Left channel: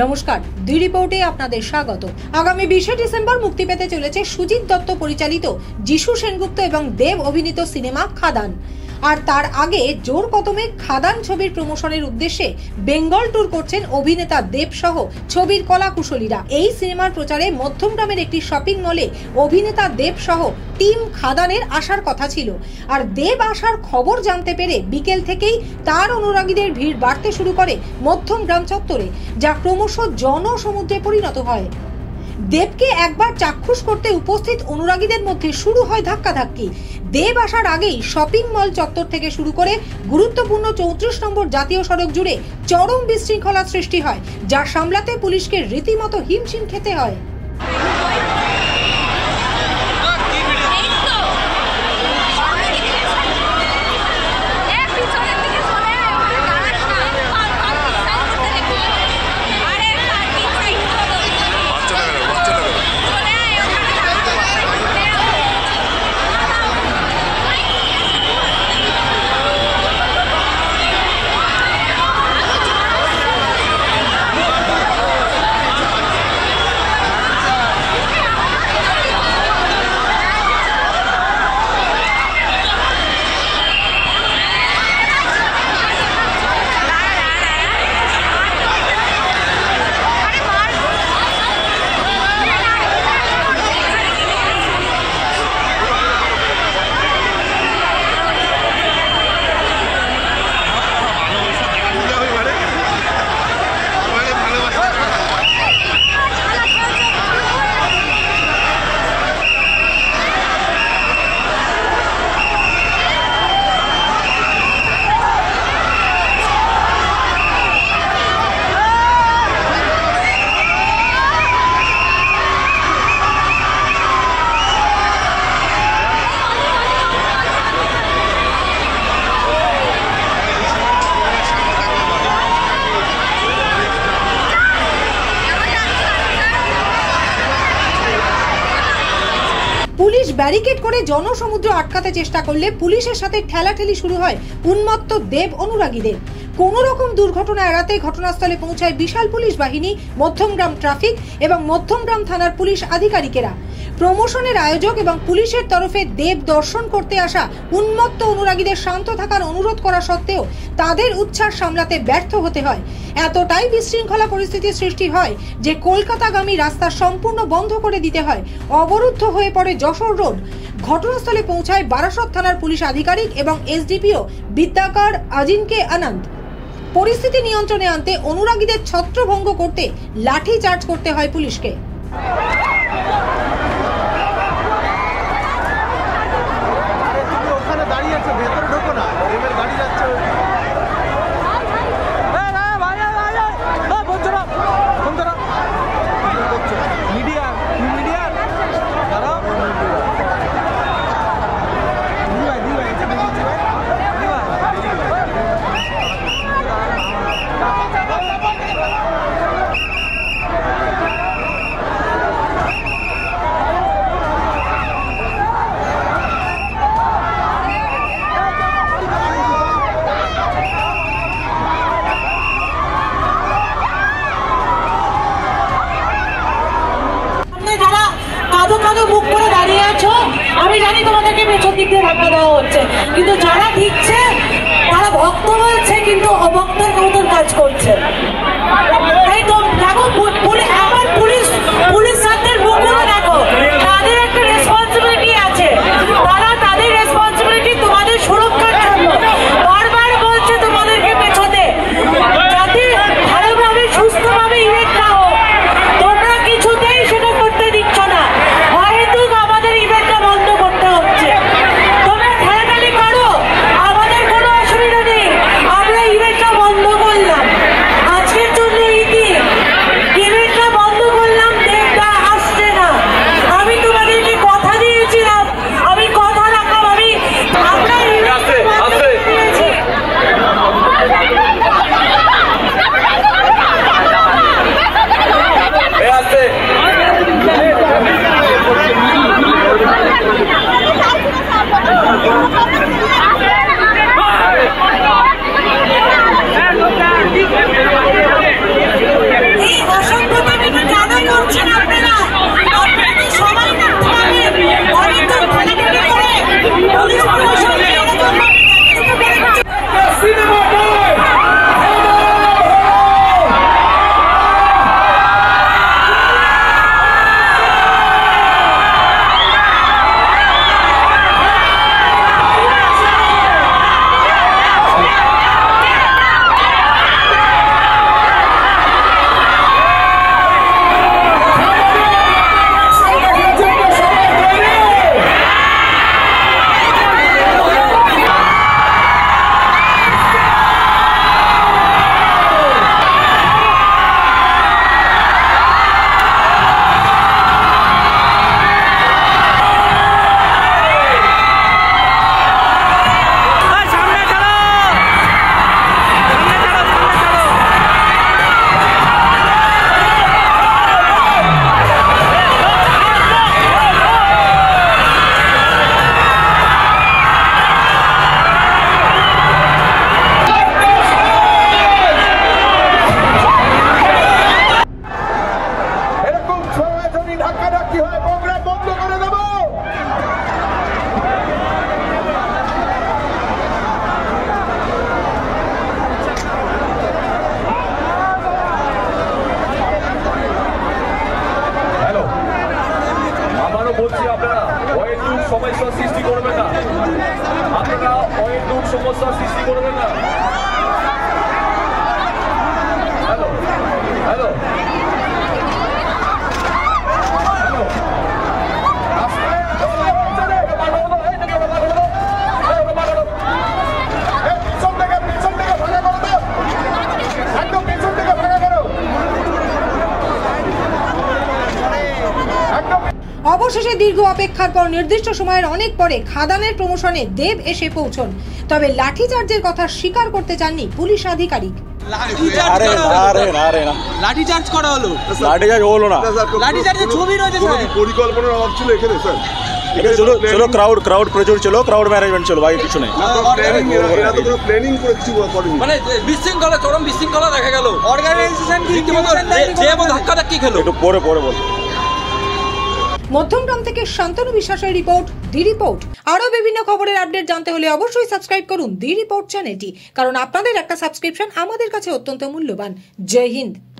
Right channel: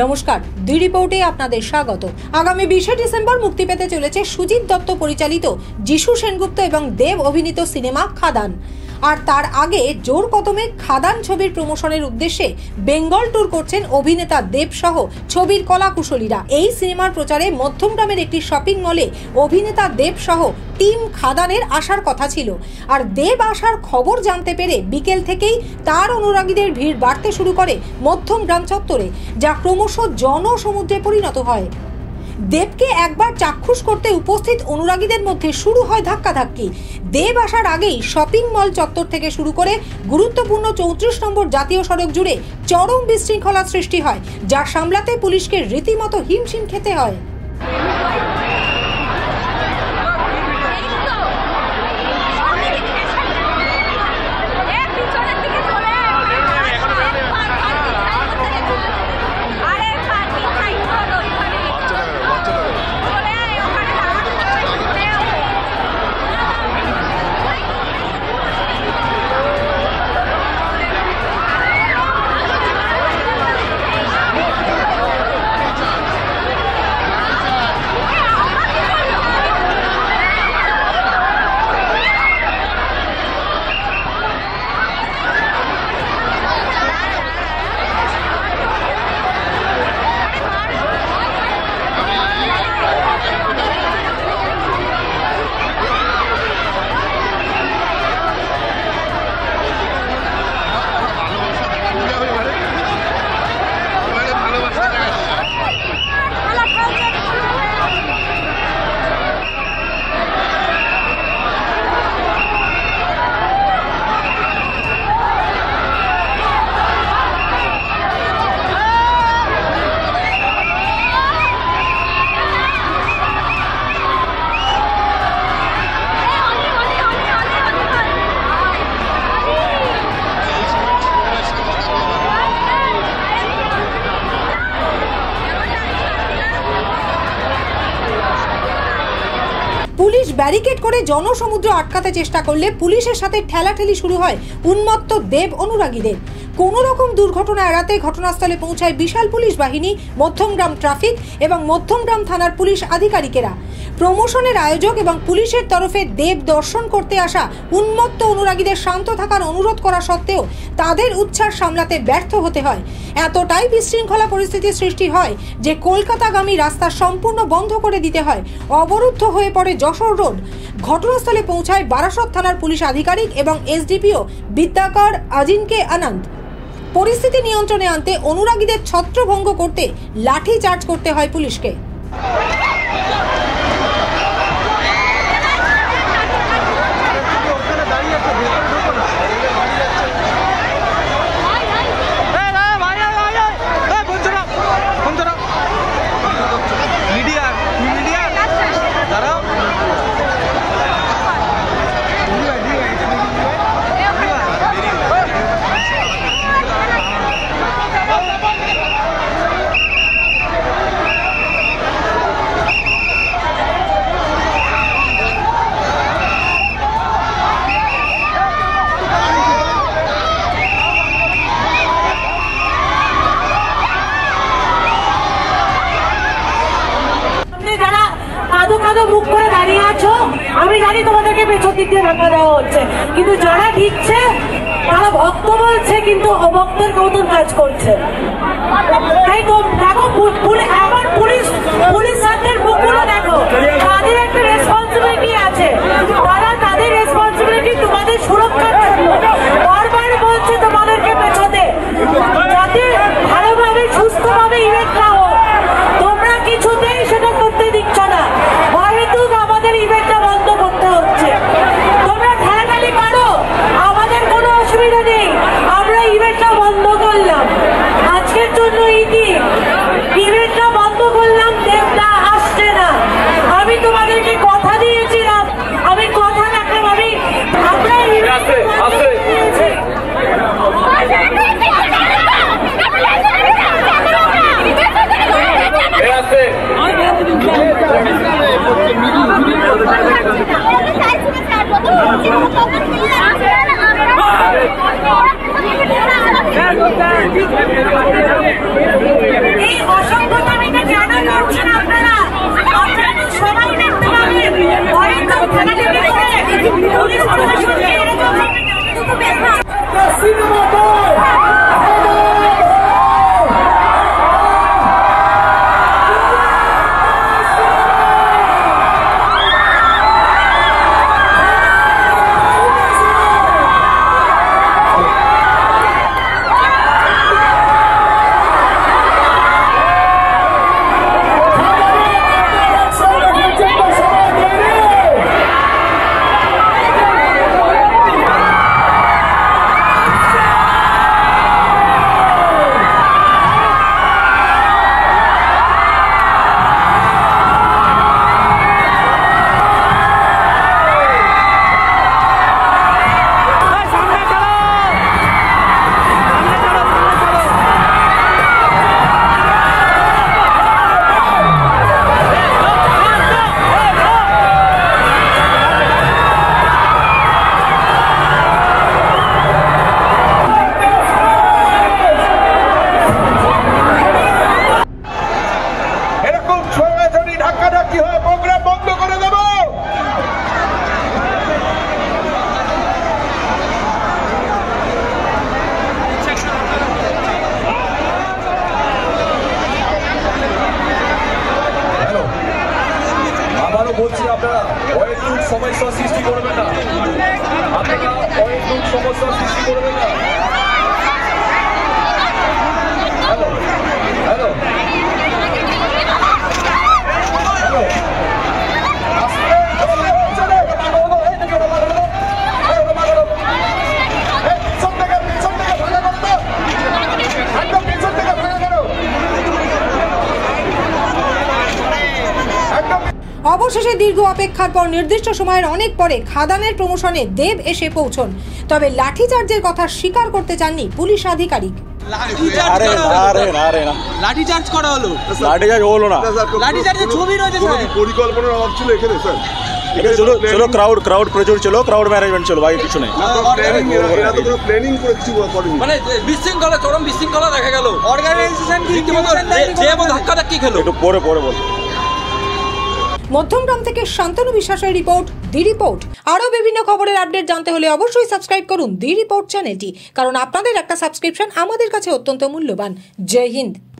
নমস্কার, দুই রিপোর্টে আপনাদের স্বাগত। আগামী 20 ডিসেম্বর মুক্তি পেতে চলেছে সুজিত দত্ত পরিচালিত যিশু সেনগুপ্ত এবং দেব অভিনীত সিনেমা খাদান। আর তার আগে জোর কদমে খাদান ছবির প্রমোশনের উদ্দেশ্যে বেঙ্গল ট্যুর করছেন অভিনেতা দেব সহ ছবির কলাকুশলীরা। এই সিনেমার প্রচারে মধ্যমগ্রামের একটি শপিং মলে অভিনেতা দেব সহ টিম খাদানের আসার কথা ছিল। আর দেব আসার খবর জানতে পেরে বিকেল থেকেই তার অনুরাগীদের ভিড় বাড়তে শুরু করে মধ্যমগ্রাম চত্বরে, যা ক্রমশ জনসমুদ্রে পরিণত হয়। দেবকে একবার চাক্ষুষ করতে উপস্থিত অনুরাগীদের মধ্যে শুরু হয় ধাক্কাধাক্কি। দেব আসার আগেই শপিং মল চত্বর থেকে শুরু করে গুরুত্বপূর্ণ 34 নম্বর জাতীয় সড়ক জুড়ে চরম বিশৃঙ্খলা সৃষ্টি হয়, যা সামলাতে পুলিশকে রীতিমতো হিমশিম খেতে হয়। পুলিশ ব্যারিকেড করে জনসমুদ্র আটকাতে চেষ্টা করলে পুলিশের সাথে ঠেলাঠেলি শুরু হয় উন্মত্ত দেব অনুরাগীদের। কোন রকম দুর্ঘটনা এড়াতে ঘটনাস্থলে পৌঁছায় বিশাল পুলিশ বাহিনী, মধ্যমগ্রাম ট্রাফিক এবং মধ্যমগ্রাম থানার পুলিশ আধিকারিকেরা। প্রমোশনের আয়োজক এবং পুলিশের তরফে দেব দর্শন করতে আসা উন্মত্ত অনুরাগীদের শান্ত থাকার অনুরোধ করা সত্ত্বেও তাদের উচ্ছ্বাস সামলাতে ব্যর্থ হতে হয়। এতটাই বিশৃঙ্খলা পরিস্থিতির সৃষ্টি হয় যে কলকাতাগামী রাস্তা সম্পূর্ণ বন্ধ করে দিতে হয়। অবরুদ্ধ হয়ে পড়ে যশোর রোড। ঘটনাস্থলে পৌঁছায় বারাসত থানার পুলিশ আধিকারিক এবং এসডিপিও বিদ্যাকর আজিনকে আনন্দ। পরিস্থিতি নিয়ন্ত্রণে আনতে অনুরাগীদের ছত্রভঙ্গ করতে লাঠি চার্জ করতে হয় পুলিশকে। মুখ করে দাঁড়িয়ে আছো, আমি জানি তোমাদেরকে পেছন দিক দিয়ে ধাক্কা দেওয়া হচ্ছে, কিন্তু যারা দিচ্ছে তারা ভক্ত বলছে কিন্তু অভক্তের মতন কাজ করছে। তাই তো দেখো, আমার পুলিশ সাথের মুখগুলো দেখো, তাদের একটা রেসপন্সিবিলিটি আছে, তারা তাদের রেসপন্সিবিলিটি তোমাদের সুরক্ষার জন্য বারবার বলছে তোমাদেরকে পেছনে, যাতে ভালোভাবে সুস্থভাবে ইভেন্ট না হোক। তোমরা কিছুতেই সেটা করতে দিচ্ছ না, আমাদের ইভেন্টটা বন্ধ করতে হচ্ছে। তোমরা ঠেলাঠালি করো, আমাদের কোনো অসুবিধা নেই, আমরা ইভেন্টটা বন্ধ করলাম। আজকে অবশেষে দীর্ঘ অপেক্ষার পর নির্দিষ্ট সময়ের অনেক পরে খাদানের প্রমোশনে দেব এসে পৌঁছন। তবে লাঠিচার্জের কথা স্বীকার করতে চাননি পুলিশ আধিকারিক। লাঠিচার্জ করা হলো, লাঠিচার্জ হলো না, লাঠিচার্জের ছবি রয়েছে স্যার। পরিকল্পনার অভাব ছিল এখানে স্যার। চলো চলো ক্রাউড প্রচুর ছিল, ক্রাউড ম্যানেজমেন্ট ছিল, বাকি কিছু নেই। এরা তো কোনো প্ল্যানিং করে কিছু করেনি, মানে বিশৃঙ্খলা, চরম বিশৃঙ্খলা দেখা গেল। অর্গানাইজেশন কি ধাক্কা খেলো। একটু পরে বল। মধ্যমগ্রাম থেকে শান্তনু বিশ্বাসের রিপোর্ট, দি রিপোর্ট। আরও বিভিন্ন খবরের আপডেট জানতে হলে অবশ্যই সাবস্ক্রাইব করুন দি রিপোর্ট চ্যানেলটি, কারণ আপনাদের একটা সাবস্ক্রিপশন আমাদের কাছে অত্যন্ত মূল্যবান। জয় হিন্দ।